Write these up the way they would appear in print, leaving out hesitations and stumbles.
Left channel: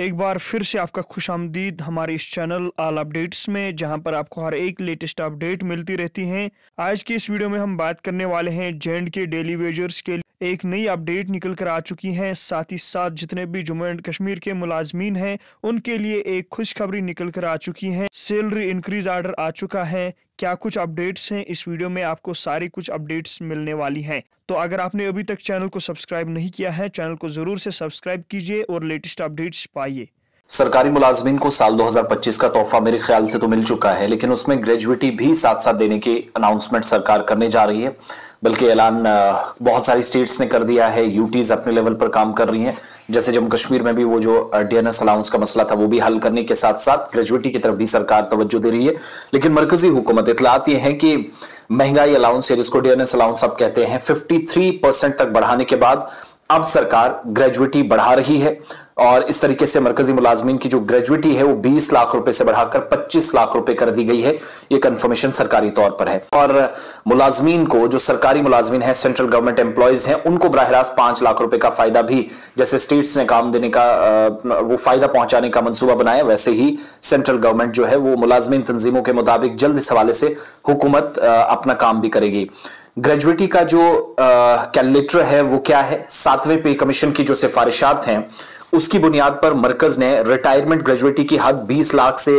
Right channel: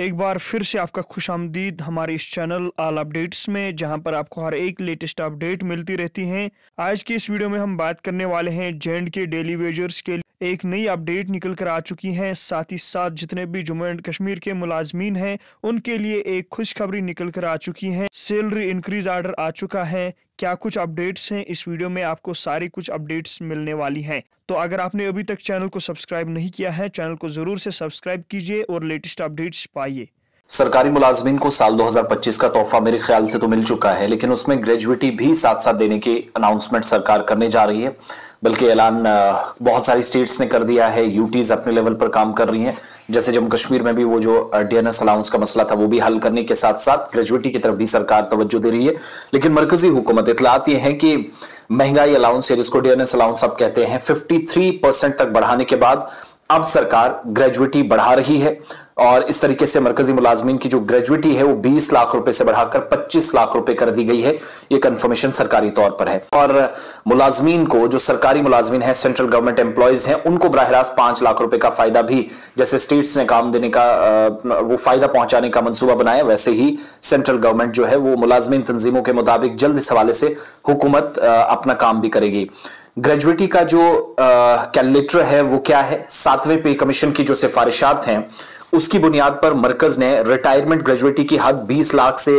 एक बार फिर से आपका खुशामदीद हमारे इस चैनल ऑल अपडेट्स में, जहां पर आपको हर एक लेटेस्ट अपडेट मिलती रहती हैं। आज की इस वीडियो में हम बात करने वाले हैं J&K डेली वेजर्स के लिए एक नई अपडेट निकल कर आ चुकी है। साथ ही साथ जितने भी जम्मू एंड कश्मीर के मुलाजमीन हैं उनके लिए एक खुशखबरी निकल कर आ चुकी है। सैलरी इंक्रीज आर्डर आ चुका है। क्या कुछ अपडेट्स हैं, इस वीडियो में आपको सारी कुछ अपडेट्स मिलने वाली हैं। तो अगर आपने अभी तक चैनल को सब्सक्राइब नहीं किया है, चैनल को जरूर से सब्सक्राइब कीजिए और लेटेस्ट अपडेट्स पाइए। सरकारी मुलाजमीन को साल 2025 का तोहफा मेरे ख्याल से तो मिल चुका है, लेकिन उसमें ग्रेजुएटी भी साथ साथ देने की अनाउंसमेंट सरकार करने जा रही है। बल्कि ऐलान बहुत सारी स्टेट्स ने कर दिया है, यूटीज अपने लेवल पर काम कर रही हैं। जैसे जम्मू कश्मीर में भी वो जो डीएनएस अलाउंस का मसला था वो भी हल करने के साथ साथ ग्रेजुएटी की तरफ भी सरकार तवज्जो दे रही है। लेकिन मरकजी हुकूमत इतलात ये है कि महंगाई अलाउंस या जिसको डीएनएस अलाउंस आप कहते हैं 53% तक बढ़ाने के बाद अब सरकार ग्रेजुएटी बढ़ा रही है और इस तरीके से मरकजी मुलाजमीन की जो ग्रेजुएटी है वो 20 लाख रुपए से बढ़ाकर 25 लाख रुपए कर दी गई है। ये कंफर्मेशन सरकारी तौर पर है। और मुलाजमीन को, जो सरकारी मुलाजमीन है, सेंट्रल गवर्नमेंट एम्प्लॉयज हैं, उनको बराह रास्त 5 लाख रुपए का फायदा भी, जैसे स्टेट्स ने काम देने का वो फायदा पहुंचाने का मंसूबा बनाया, वैसे ही सेंट्रल गवर्नमेंट जो है वो मुलाजमीन तंजीमों के मुताबिक जल्द इस हवाले से हुकूमत अपना काम भी करेगी। ग्रेजुएटी का जो कैलकुलेटर है वो क्या है? 7वें पे कमीशन की जो सिफारिशात हैं उसकी बुनियाद पर मरकज ने रिटायरमेंट ग्रेजुएटी की हद 20 लाख से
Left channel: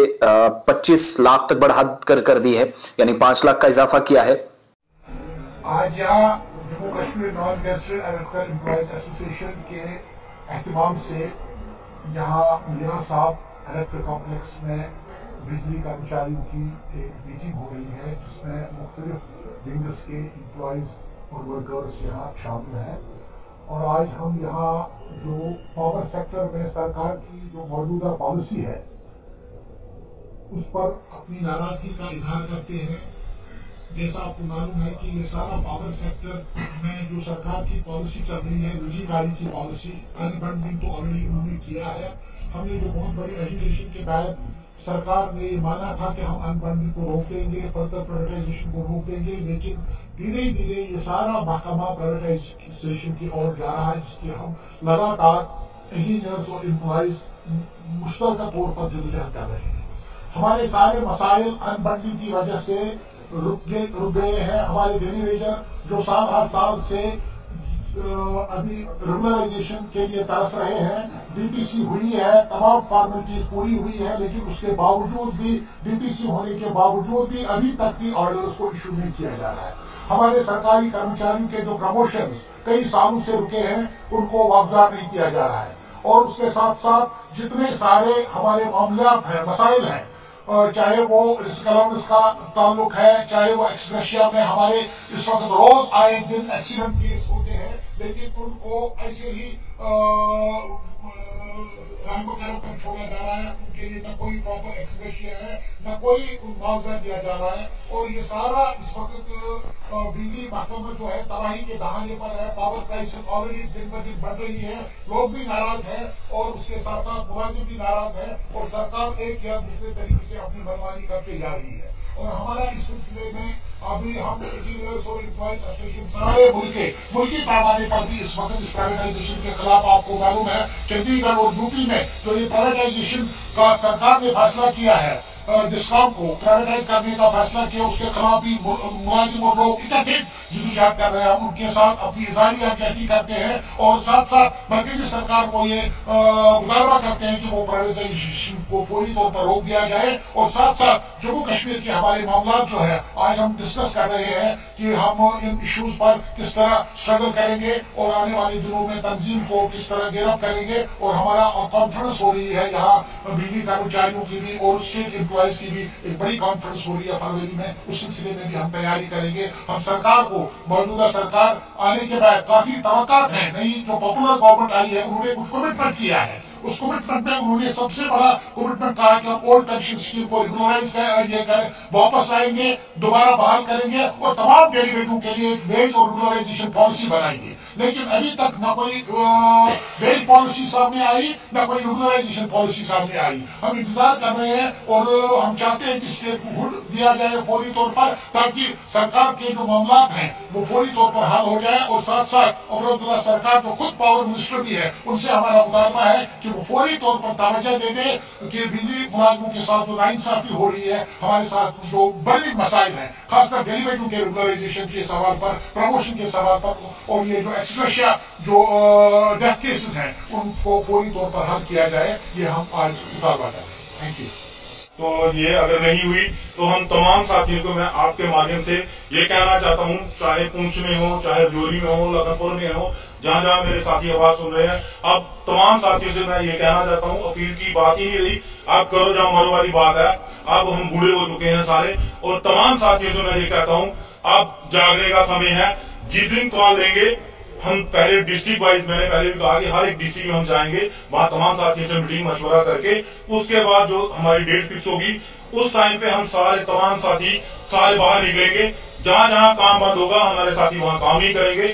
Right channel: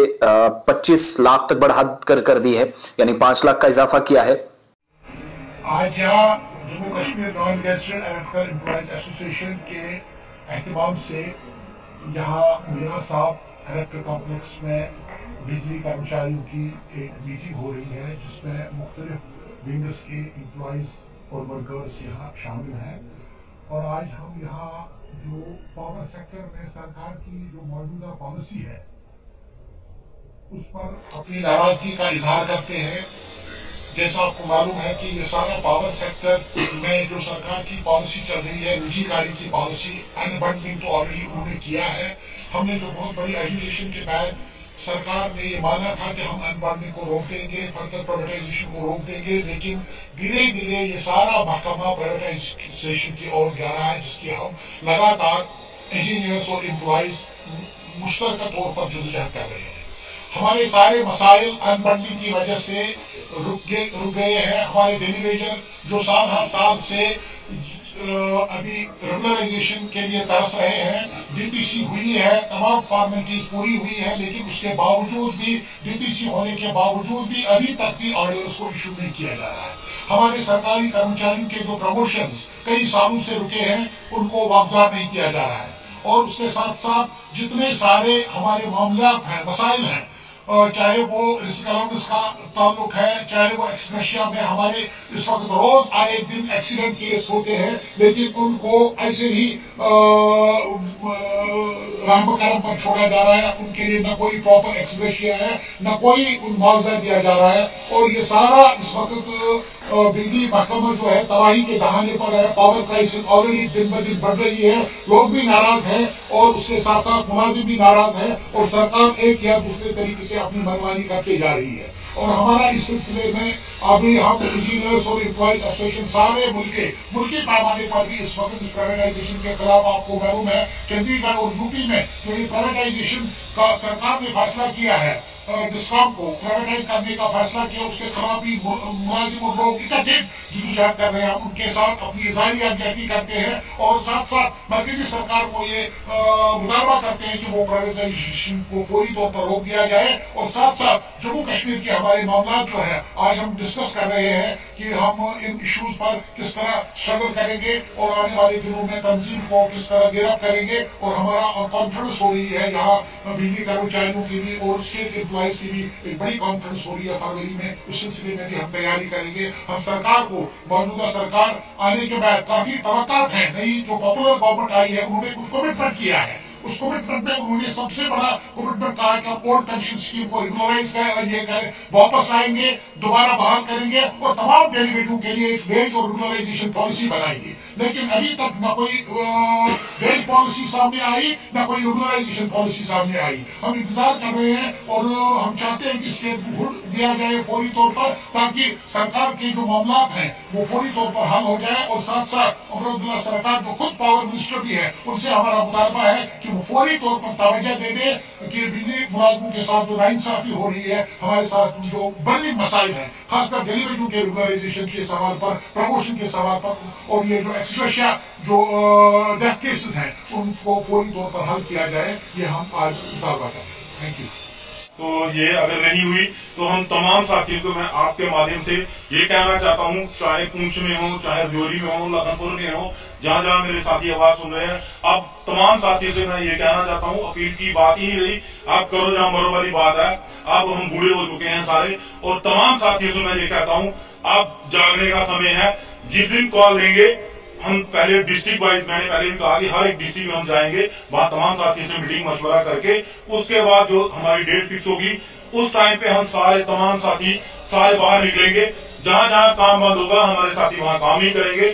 25 लाख तक बढ़ा कर दी है, यानी 5 लाख का इजाफा किया है। आज यहाँ Jammu Kashmir non gazetted electrical employees association के एहतमाम से यहाँ मीरा साहब इलेक्ट्रिक कॉम्प्लेक्स में बिजली कर्मचारियों की एक मीटिंग हो रही है, जिसमें मुख्तलिफ विंग्स के एम्प्लॉयज और वर्कर्स यहाँ शामिल हैं। और आज हम यहाँ जो पावर सेक्टर में सरकार की जो मौजूदा पॉलिसी है उस पर अपनी नाराजगी का इजहार करते हैं। जैसा आपको मालूम है कि ये सारा पावर सेक्टर में जो सरकार की पॉलिसी चल रही है, निजीकारी की पॉलिसी, अनबंडलिंग तो ऑलरेडी उन्होंने किया है। हमने जो बहुत बड़ी एजुकेशन के बाद सरकार ने ये माना था कि हम अनबंडलिंग को रोक देंगे, फर्दर प्राइवेटाइजेशन को रोक देंगे, लेकिन धीरे धीरे ये सारा महकमा प्राइवेटाइजेशन की ओर जा रहा है, जिसकी हम लगातार इंजीनियर्स और एम्प्लॉयज मुश्तरका तौर पर जद्दोजहद कर रहे हैं। हमारे सारे मसाइल अनबंडलिंग की वजह से रुक गए हैं। हमारे डेली वेजर जो साल हर साल से अभी रेगुलराइजेशन के लिए तरस रहे हैं, डीपीसी हुई है, तमाम फॉर्मेलिटीज पूरी हुई है, लेकिन उसके बावजूद भी, डीपीसी होने के बावजूद भी अभी तक की ऑर्डर्स को इशू नहीं किया जा रहा है। हमारे सरकारी कर्मचारियों के जो प्रमोशंस कई सालों से रुके हैं उनको वापस नहीं किया जा रहा है। और उसके साथ साथ जितने सारे हमारे मामलात हैं, मसाइल हैं, चाहे वो रिस्क अलाउंस का ताल्लुक है, चाहे वो एक्सग्रेशिया में हमारे इस वक्त रोज आए दिन एक्सीडेंट केस होते हैं, लेकिन उनको ऐसे ही रहम करम पर छोड़ा जा रहा है। उनके लिए न कोई प्रॉपर एक्सग्रेशिया है, न कोई मुआवजा दिया जा रहा है। और ये सारा इस वक्त बिजली महकमा जो है तबाही के दहाने पर है। पावर क्राइसिस ऑलरेडी दिन ब दिन बढ़ रही है, लोग भी नाराज हैं और उसके साथ साथ मुलाजिम भी नाराज है, और सरकार एक या दूसरे तरीके से अपनी मनमानी करते जा रही है। और हमारा इस सिलसिले में अभी हम इंजीनियर्स और एम्प्लॉयज एसोसिएशन सारे मुल्की पैमाने पर भी इस वक्त इस प्राइवेटाइजेशन के खिलाफ, आपको मालूम है चंडीगढ़ और यूपी में जो ये प्राइवेटाइजेशन का सरकार ने फैसला किया है, डिस्कॉम को प्राइवेटाइज करने का फैसला किया, उसके खिलाफ भी मुलाजिम और लोग इकट्ठे जद्दोजहद कर रहे हैं। उनके साथ अपनी इज़हारी यकजहती करते हैं और साथ साथ मरकजी सरकार को ये मुतालबा करते हैं कि वो प्राइवेटाइजेशन को फौरी तौर पर रोक दिया जाए। और साथ साथ जम्मू कश्मीर के हमारे मामला जो है आज हम डिस्कस कर रहे हैं कि हम इन इश्यूज पर किस तरह स्ट्रगल करेंगे और आने वाले दिनों में तंजीम को किस तरह गिरफ्त करेंगे। और हमारा कॉन्फ्रेंस हो रही है यहाँ बिजली कर्मचारियों की भी और स्टेट एम्प्लॉयज की भी एक बड़ी कॉन्फ्रेंस हो रही है फरवरी में। उस सिलसिले में भी हम तैयारी करेंगे। हम सरकार को, मौजूदा सरकार आने के बाद काफी तवक्कात हैं, नई जो पॉपुलर गवर्नमेंट आई है उन्होंने कुछ कमिटमेंट किया है। उस कमिटमेंट में उन्होंने सबसे बड़ा कमिटमेंट कहा कि हम ओल्ड पेंशन स्कीम को रेगुलराइज वापस लाएंगे, दोबारा बहाल करेंगे और तमाम डेलीवेटों के लिए एक वेज और रेगुलराइजेशन पॉलिसी बनाएंगे। लेकिन अभी तक न कोई वेज पॉलिसी सामने आई, न कोई रेगुलराइजेशन पॉलिसी सामने आई। हम इंतजार कर रहे हैं और हम चाहते हैं कि स्टेट को हुड दिया जाए फौरी तौर पर, ताकि सरकार के जो मामला हैं वो फौरी तौर पर हल हो जाए। और साथ साथ अब्दुल्ला सरकार जो खुद पावर मिनिस्टर भी है, उनसे हमारा मुतालबा है कि कि वो फौरी तौर पर तवज्जो दे दे कि बिजली मुलाजमों के साथ जो नाइंसाफी हो रही है, हमारे साथ जो बड़ी मसाइल हैं, खासकर डेलीवेजों के रेगुलराइजेशन के सवाल पर, प्रमोशन के सवाल पर, और ये जो एक्सग्रेशिया जो डेथ केसेस हैं उनको फौरी तौर पर हल किया जाए, ये हम आज मुतालबा करें। Thank you. तो ये अगर नहीं हुई तो हम तमाम साथियों को मैं आपके माध्यम से ये कहना चाहता हूँ, चाहे पुंछ में हो, चाहे जोरी में हो, लखनपुर में हो, जहाँ जहाँ मेरे साथी आवाज सुन रहे हैं, अब तमाम साथियों से मैं ये कहना चाहता हूँ, अपील की बात ही नहीं रही, आप करो जहाँ मरो वाली बात है। अब हम बूढ़े हो चुके हैं सारे, और तमाम साथियों से मैं ये कहता हूँ, अब जागने का समय है। जिस दिन कॉल लेंगे हम पहले डिस्ट्रिक्ट वाइज, मैंने पहले भी कहा कि हर एक डिस्ट्रिक्ट में हम जाएंगे, वहां तमाम साथियों से मीटिंग मशवरा करके उसके बाद जो हमारी डेट फिक्स होगी उस टाइम पे हम सारे तमाम साथी सारे बाहर निकलेंगे। जहां जहां काम बंद होगा हमारे साथी वहां काम ही करेंगे।